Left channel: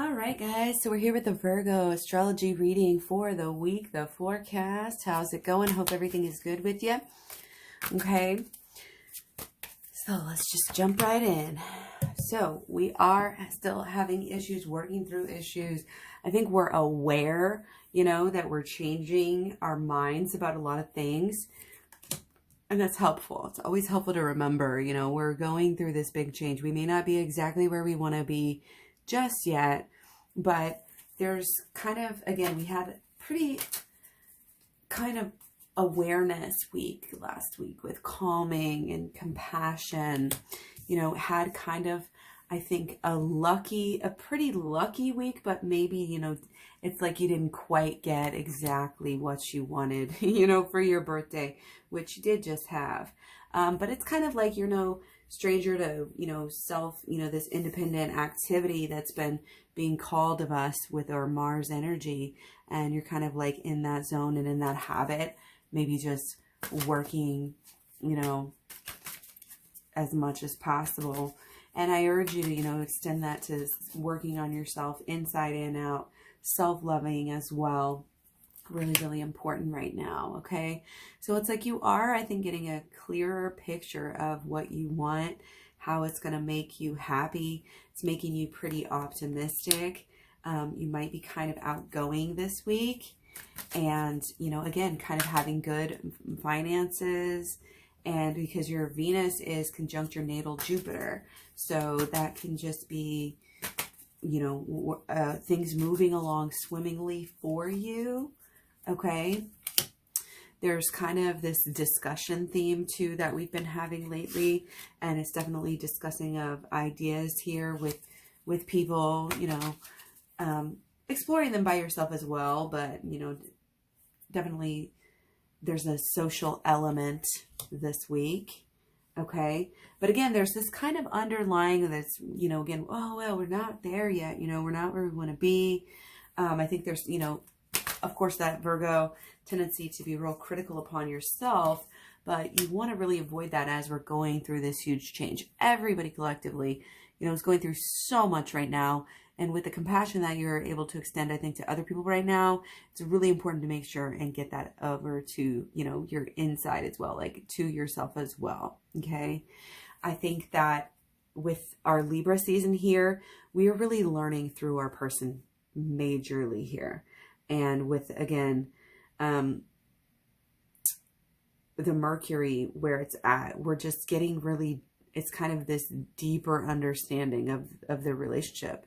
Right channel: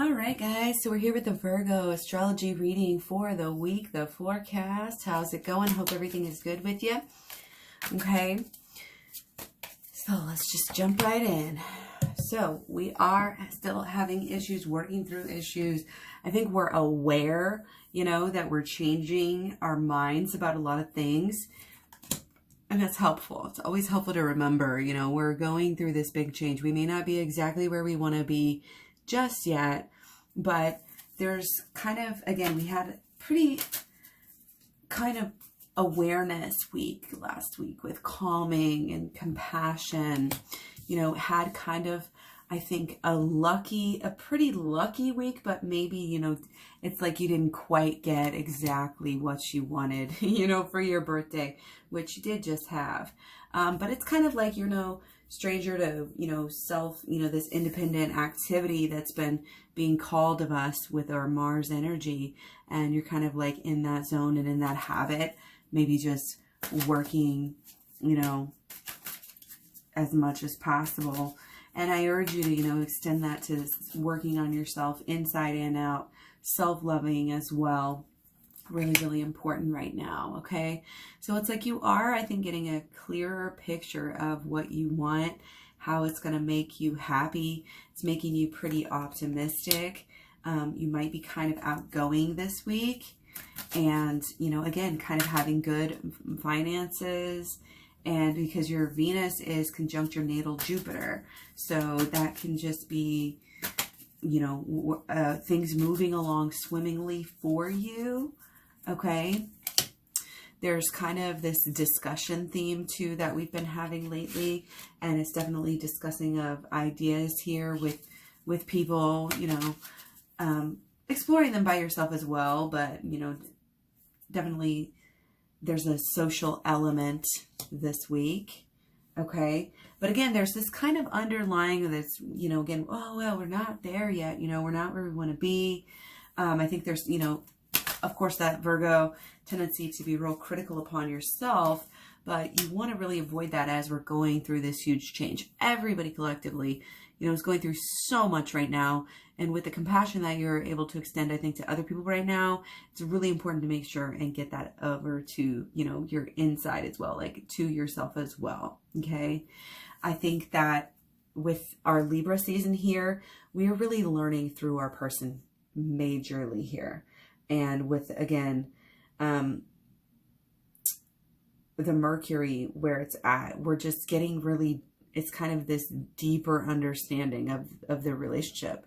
All right, guys, so we're here with the Virgo astrology reading for the week, the forecast. How's it going? Hope everything is good with you. Okay, so let's just jump right in. So we are still having issues, working through issues. I think we're aware, that we're changing our minds about a lot of things. And that's helpful. It's always helpful to remember, we're going through this big change. We may not be exactly where we want to be just yet, but there's kind of, again, we had pretty kind of awareness week last week with calming and compassion, had kind of, I think, a pretty lucky week, but maybe, it's like you didn't quite get exactly what you wanted, for your birthday, which you did just have. But it's kind of like, stranger to, self, this independent activity that's been being called of us with our Mars energy. And you're kind of like in that zone and in that habit, maybe just working, as much as possible. And I urge you to, extend that to working on yourself inside and out, self-loving as well. Really, really important right now, okay? So it's like you are, I think, getting a clearer picture of what you want, how it's going to make you happy. It's making you pretty optimistic. You might be kind of outgoing this week. And, again, kind of having good finances. And because your Venus is conjunct your natal Jupiter. So that can just be, things moving along swimmingly for you. Okay, there's kind of this discussion theme too that we've been having lately, and it's definitely discussing of ideas here with people, exploring them by yourself as well, but definitely there's a social element this week. Okay, but again, there's this kind of underlying this, again, oh well, we're not there yet, we're not where we want to be. I think there's, of course, that Virgo tendency to be real critical upon yourself, but you want to really avoid that as we're going through this huge change. Everybody collectively, is going through so much right now. And with the compassion that you're able to extend, I think, to other people right now, it's really important to make sure and get that over to, your inside as well, like to yourself as well. Okay. I think that with our Libra season here, we are really learning through our person majorly here. And with, again, the Mercury where it's at, we're just getting really, it's kind of this deeper understanding of the relationship.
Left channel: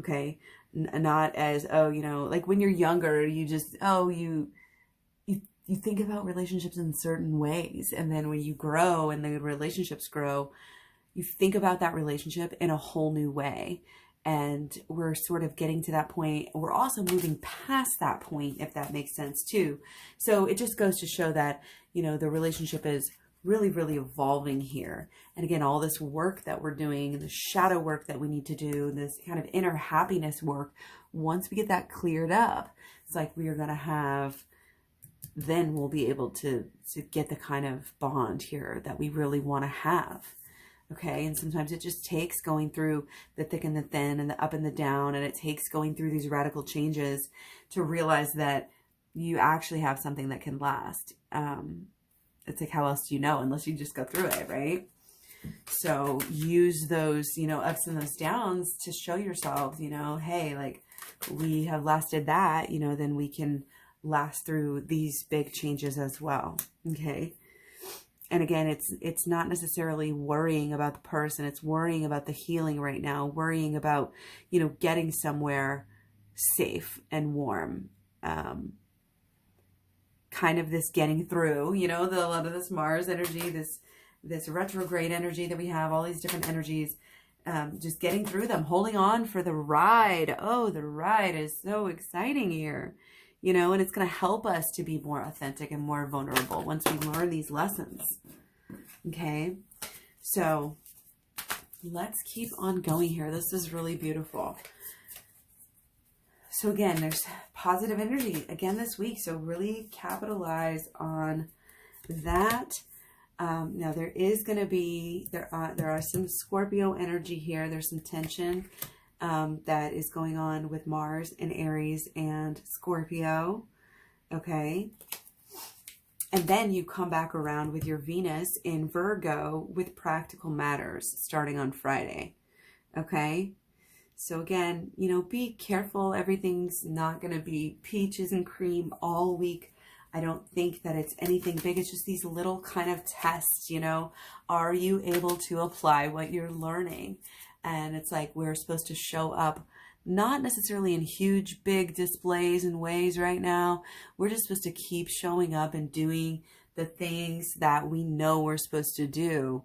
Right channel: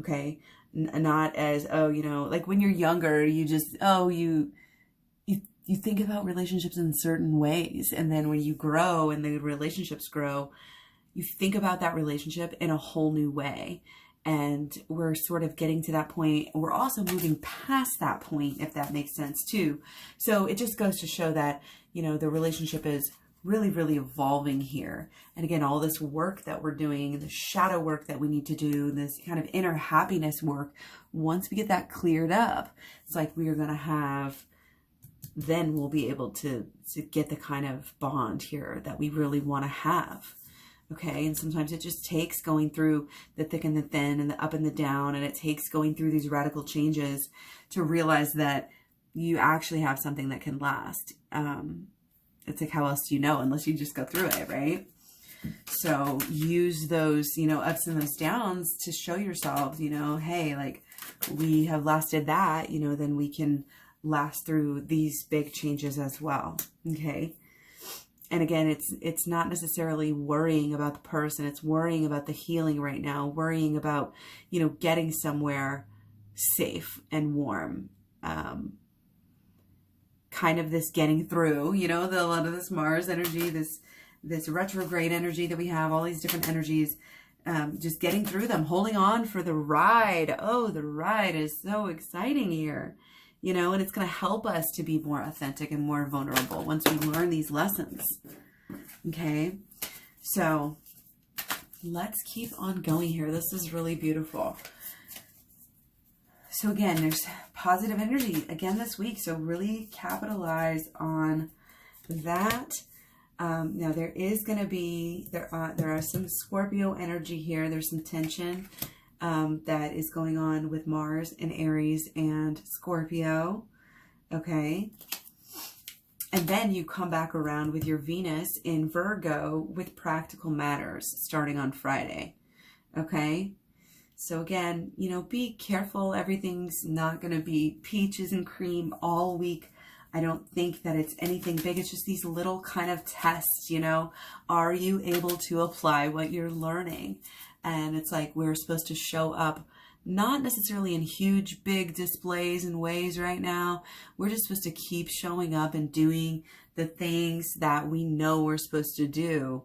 Okay. Not as, like when you're younger, you just, you think about relationships in certain ways. And then when you grow and the relationships grow, you think about that relationship in a whole new way. And we're sort of getting to that point. We're also moving past that point, if that makes sense too. So it just goes to show that, the relationship is really, really evolving here. And again, all this work that we're doing, the shadow work that we need to do, this kind of inner happiness work, once we get that cleared up, it's like we are going to have, then we'll be able to get the kind of bond here that we really want to have. Okay, and sometimes it just takes going through the thick and the thin and the up and the down, and it takes going through these radical changes to realize that you actually have something that can last. It's like, how else do you know unless you just go through it, right? So use those, ups and those downs to show yourself, hey, like we have lasted that, then we can last through these big changes as well. Okay. And again, it's not necessarily worrying about the person. It's worrying about the healing right now, worrying about, getting somewhere safe and warm. Kind of this getting through, a lot of this Mars energy, this retrograde energy that we have, all these different energies, just getting through them, holding on for the ride. Oh, the ride is so exciting here. And it's going to help us to be more authentic and more vulnerable once we learn these lessons. Okay. So let's keep on going here. This is really beautiful. So again, there's positive energy again this week. So really capitalize on that. Now there is going to be, there are some Scorpio energy here. There's some tension that is going on with Mars in Aries and Scorpio. Okay. And then you come back around with your Venus in Virgo with practical matters starting on Friday. Okay. So again, you know, be careful. Everything's not going to be peaches and cream all week. I don't think that it's anything big. It's just these little kind of tests, you know. Are you able to apply what you're learning? And it's like we're supposed to show up, not necessarily in huge, big displays and ways right now. We're just supposed to keep showing up and doing the things that we know we're supposed to do.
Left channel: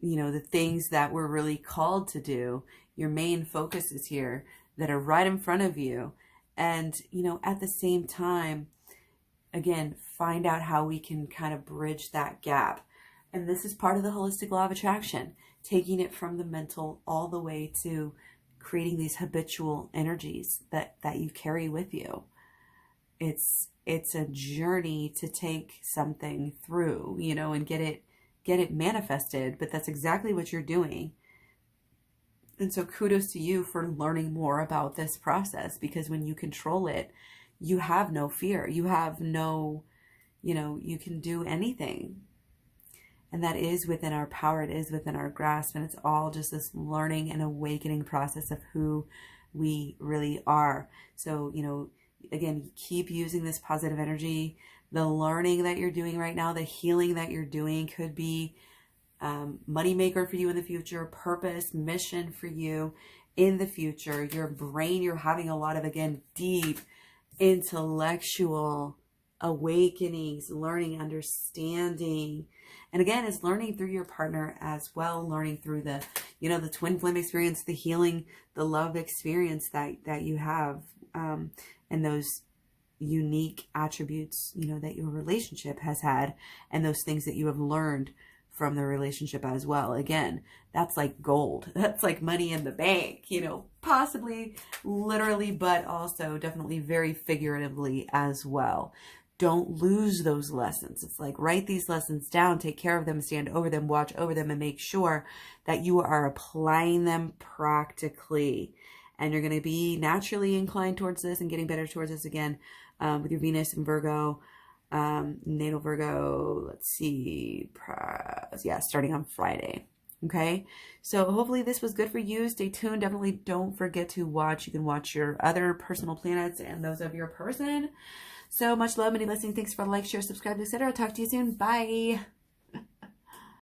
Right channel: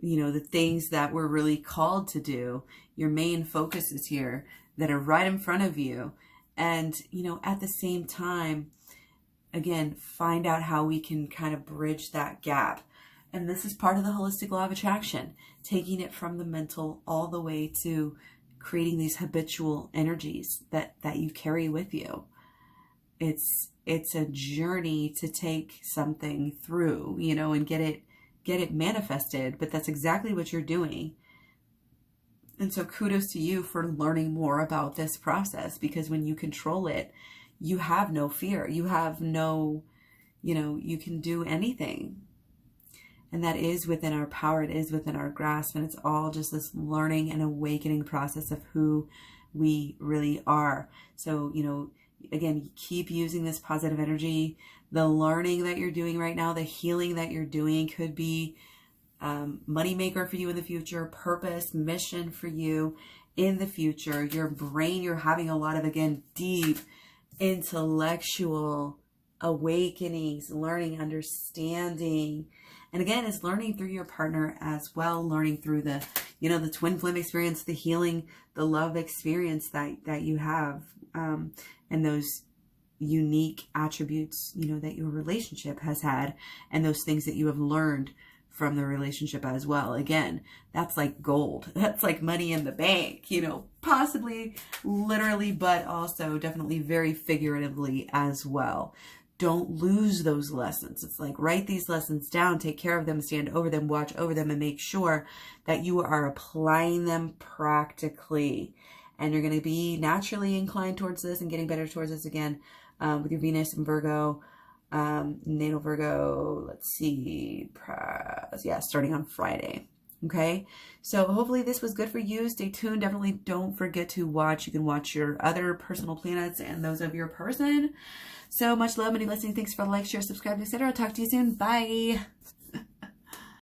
You know, the things that we're really called to do. Your main focuses here that are right in front of you. And, you know, at the same time, again, find out how we can kind of bridge that gap. And this is part of the holistic law of attraction, taking it from the mental all the way to creating these habitual energies that you carry with you. It's a journey to take something through, you know, and get it manifested, but that's exactly what you're doing. And so kudos to you for learning more about this process, because when you control it, you have no fear. You have no, you know, you can do anything. And that is within our power. It is within our grasp. And it's all just this learning and awakening process of who we really are. So, you know, again, keep using this positive energy. The learning that you're doing right now, the healing that you're doing could be moneymaker for you in the future, purpose, mission for you in the future. Your brain, you're having a lot of, again, deep intellectual awakenings, learning, understanding. And again, it's learning through your partner as well, learning through the, you know, the twin flame experience, the healing, the love experience that you have, and those unique attributes, you know, that your relationship has had, and those things that you have learned from the relationship as well. Again, that's like gold. That's like money in the bank, you know, possibly literally, but also definitely very figuratively as well. Don't lose those lessons. It's like, write these lessons down, take care of them, stand over them, watch over them, and make sure that you are applying them practically. And you're going to be naturally inclined towards this and getting better towards this again with your Venus and Virgo. Natal Virgo, let's see, yeah, starting on Friday. Okay, so hopefully this was good for you. Stay tuned. Definitely don't forget to watch. You can watch your other personal planets and those of your person. So much love, many blessings. Thanks for the like, share, subscribe, etc. Talk to you soon. Bye.